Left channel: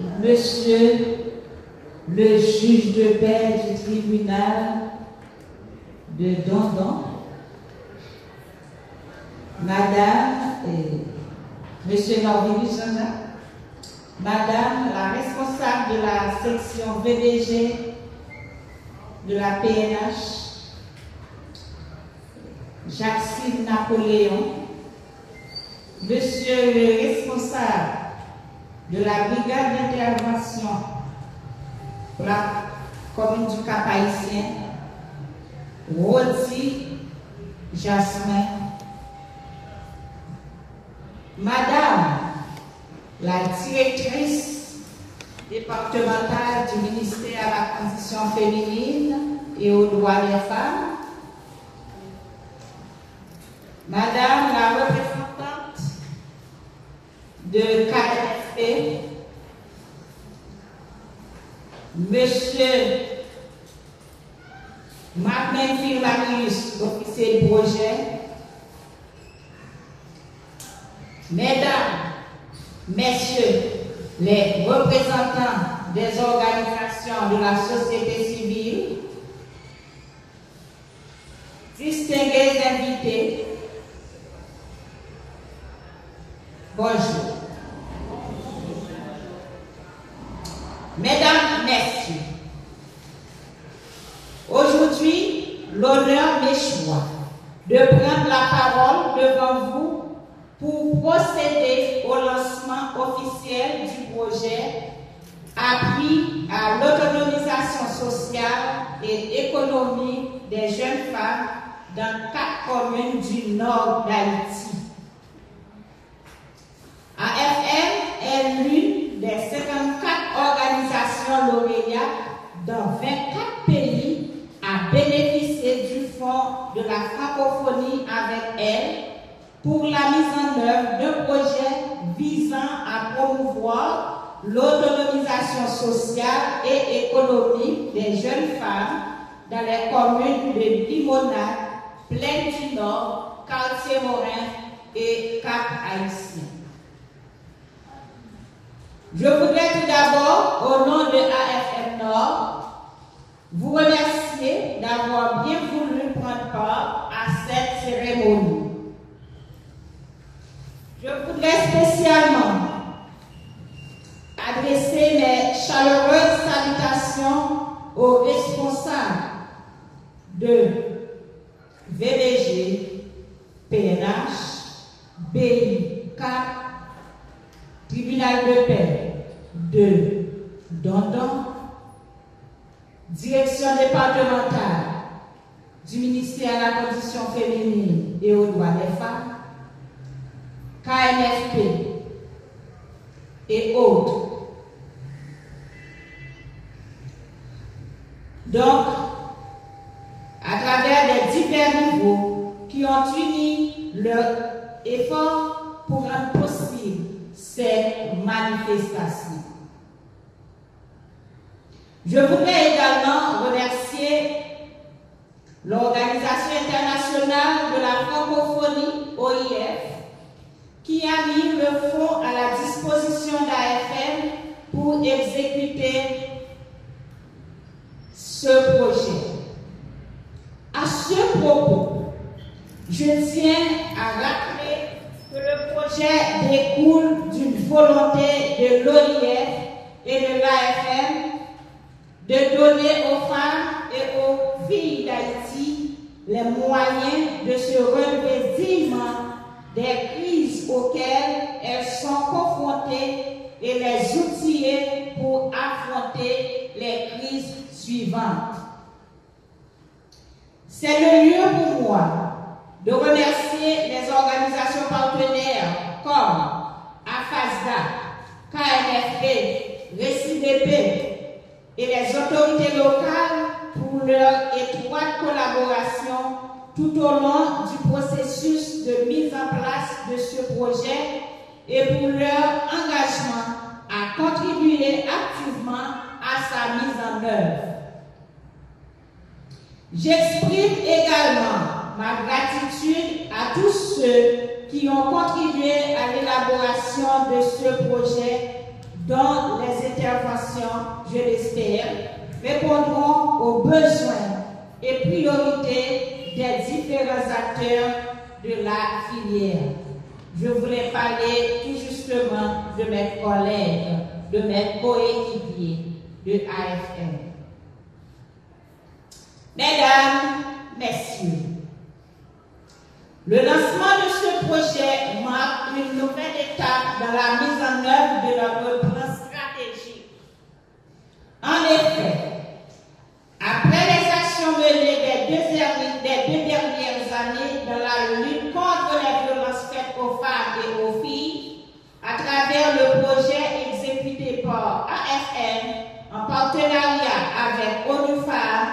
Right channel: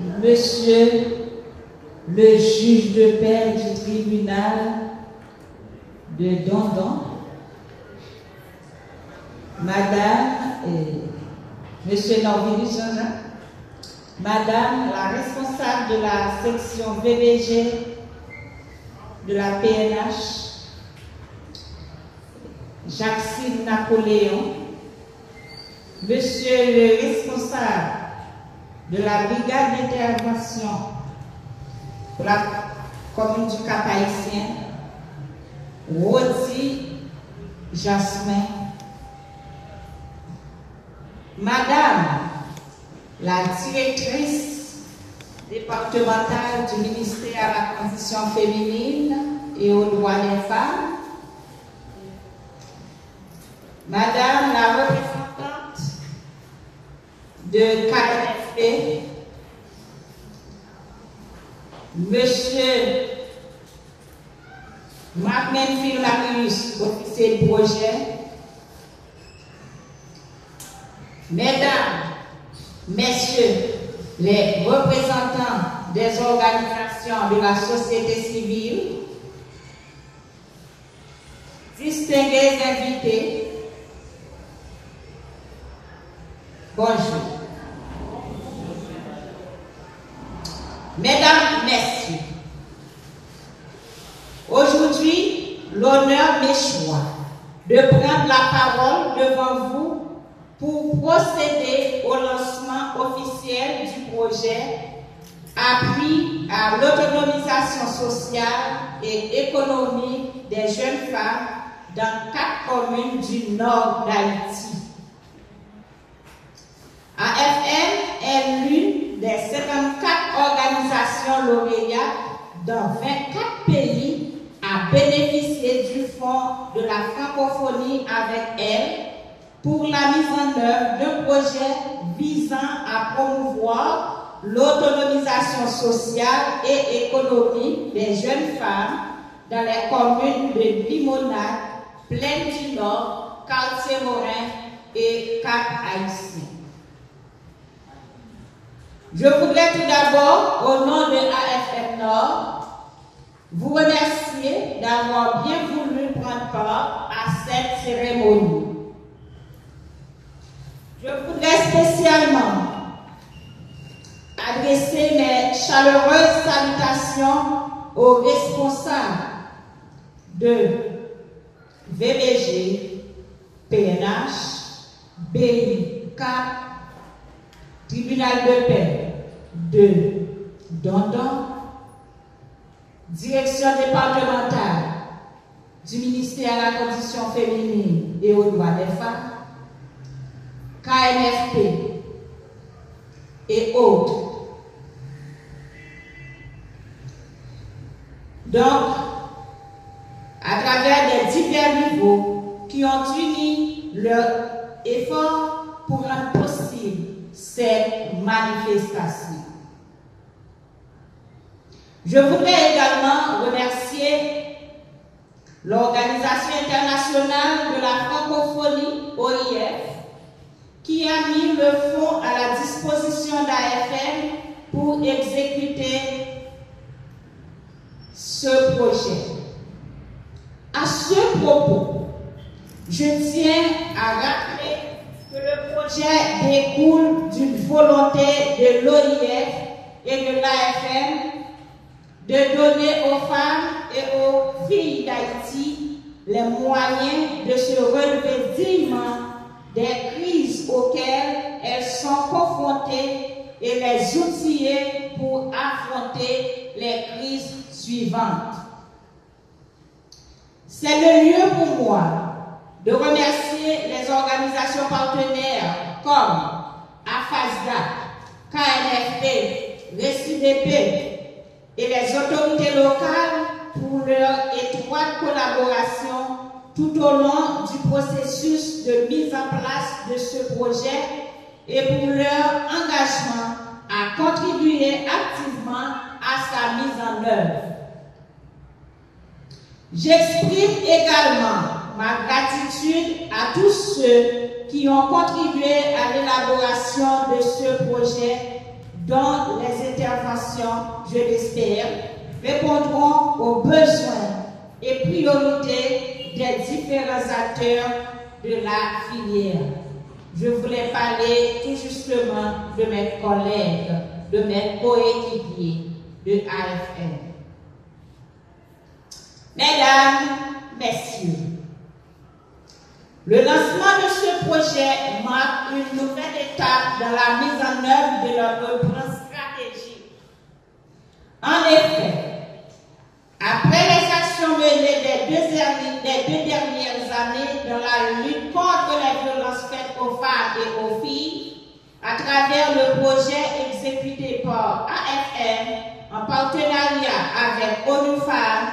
Monsieur le juge de paix du tribunal de Dondon, Madame et Monsieur Norville, Madame la responsable de la section VDG de la PNH, Jacques Napoléon, Monsieur le responsable de la brigade d'intervention pour la commune du Cap-Haïtien, Rodi Jasmin, Madame la directrice départementale du ministère à la condition féminine et aux droits des femmes, Madame la représentante de KNFP, Monsieur Marc-Menfil Marius, officier de projet, Mesdames, Messieurs, les représentants des organisations de la société civile, distingués invités, bonjour. Mesdames, Messieurs, aujourd'hui, l'honneur m'échoit de prendre la parole devant vous pour procéder au lancement officiel du projet Appui à l'autonomisation sociale et économique des jeunes femmes dans 4 communes du nord d'Haïti. AFM est l'une des 54 organisations lauréates dans 24 pays à bénéficier du fonds de la francophonie avec elle pour la mise en œuvre d'un projet visant à promouvoir l'autonomisation sociale et économique des jeunes femmes dans les communes de Limonade, Plaine du Nord, Quartier-Morin et Cap-Haïtien. Je voudrais tout d'abord, au nom de AFM Nord, vous remercier d'avoir bien voulu prendre part à cette cérémonie. Je voudrais spécialement adresser mes chaleureuses salutations aux responsables de VDG, PNH, BI, CAP, Tribunal de paix de Dondon, Direction départementale du ministère à la condition féminine et aux droits des femmes, KNFP et autres. Donc, à travers les divers niveaux qui ont uni leur effort pour rendre possible cette manifestation. Je voudrais également remercier l'Organisation internationale de la francophonie, OIF, qui a mis le fonds à la disposition d'AFM pour exécuter ce projet. À ce propos, je tiens à rappeler que le projet découle d'une volonté de l'OIF et de l'AFM de donner aux femmes et aux filles d'Haïti les moyens de se relever dignement des crises auxquelles elles sont confrontées et les outiller pour affronter les crises suivantes. C'est le lieu pour moi de remercier les organisations partenaires comme AFASDA, KNFP, RECIDP et les autorités locales pour leur étroite collaboration tout au long du processus de mise en place de ce projet et pour leur engagement à contribuer activement à sa mise en œuvre. J'exprime également ma gratitude à tous ceux qui ont contribué à l'élaboration de ce projet, dont les interventions, je l'espère, répondront aux besoins et priorités des différents acteurs de la filière. Je voulais parler tout justement de mes collègues, de mes coéquipiers de AFN. Mesdames, Messieurs, le lancement de ce projet marque une nouvelle étape dans la mise en œuvre de notre plan stratégique. En effet, après les actions menées des deux dernières années dans la lutte contre les violences faites aux femmes et aux filles, à travers le projet exécuté par AFN en partenariat avec ONU Femmes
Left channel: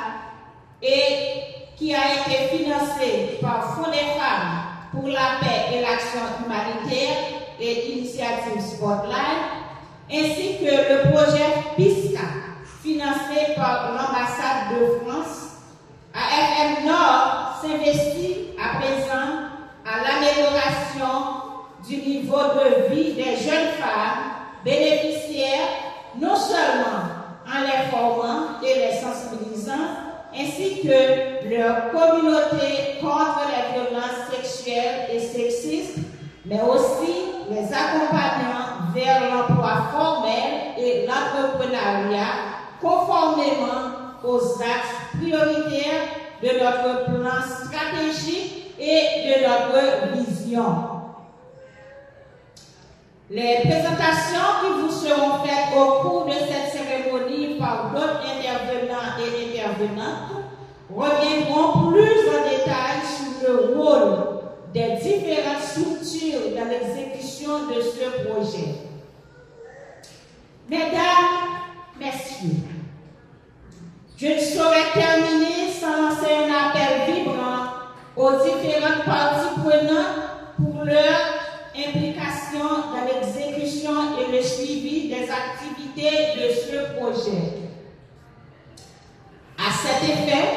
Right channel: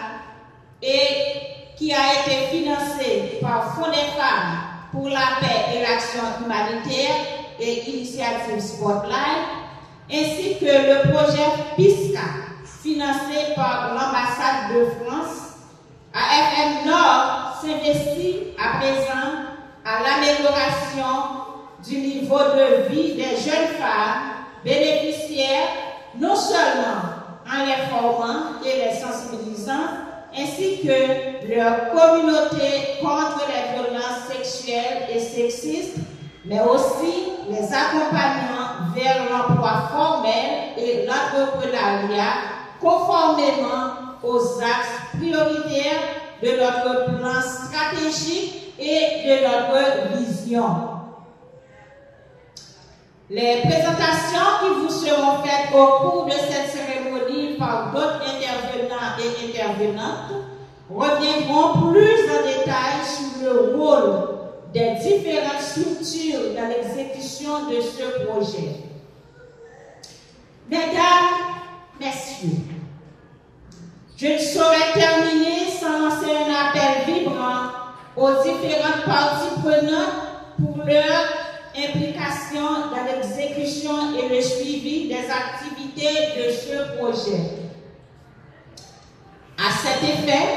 et qui a été financé par Fonds des femmes pour la paix et l'action humanitaire et Initiative Spotlight, ainsi que le projet PISCA, financé par l'ambassade de France. AFN Nord s'investit à présent à l'amélioration du niveau de vie des jeunes femmes bénéficiaires, non seulement en les formant et les sensibilisant, ainsi que leur communauté contre les violences sexuelles et sexistes, mais aussi les accompagnant vers l'emploi formel et l'entrepreneuriat conformément aux axes prioritaires de notre plan stratégique et de notre vision. Les présentations qui vous seront faites au cours de cette cérémonie par d'autres intervenants et intervenantes reviendront plus en détail sur le rôle des différentes structures dans l'exécution de ce projet. Mesdames, Messieurs, je ne saurais terminer sans lancer un appel vibrant aux différentes parties prenantes pour leur implication dans l'exécution et le suivi des activités de ce projet. À cet effet,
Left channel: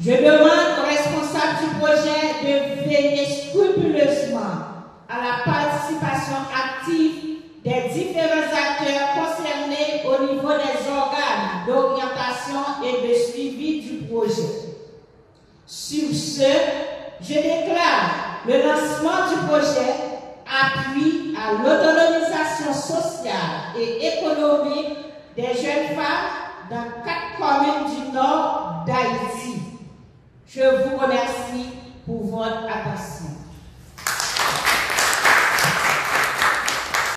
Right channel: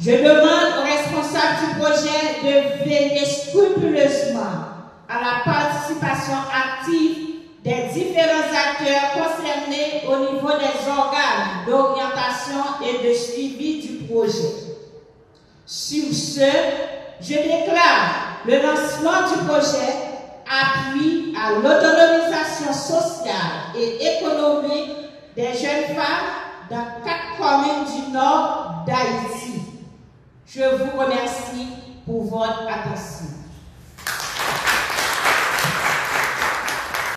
je demande aux responsables du projet de veiller scrupuleusement à la participation active des différents acteurs concernés au niveau des organes d'orientation et de suivi du projet. Sur ce, je déclare le lancement du projet appui à l'autonomisation sociale et économique des jeunes femmes dans 4 communes du nord d'Haïti. Je vous remercie pour votre attention.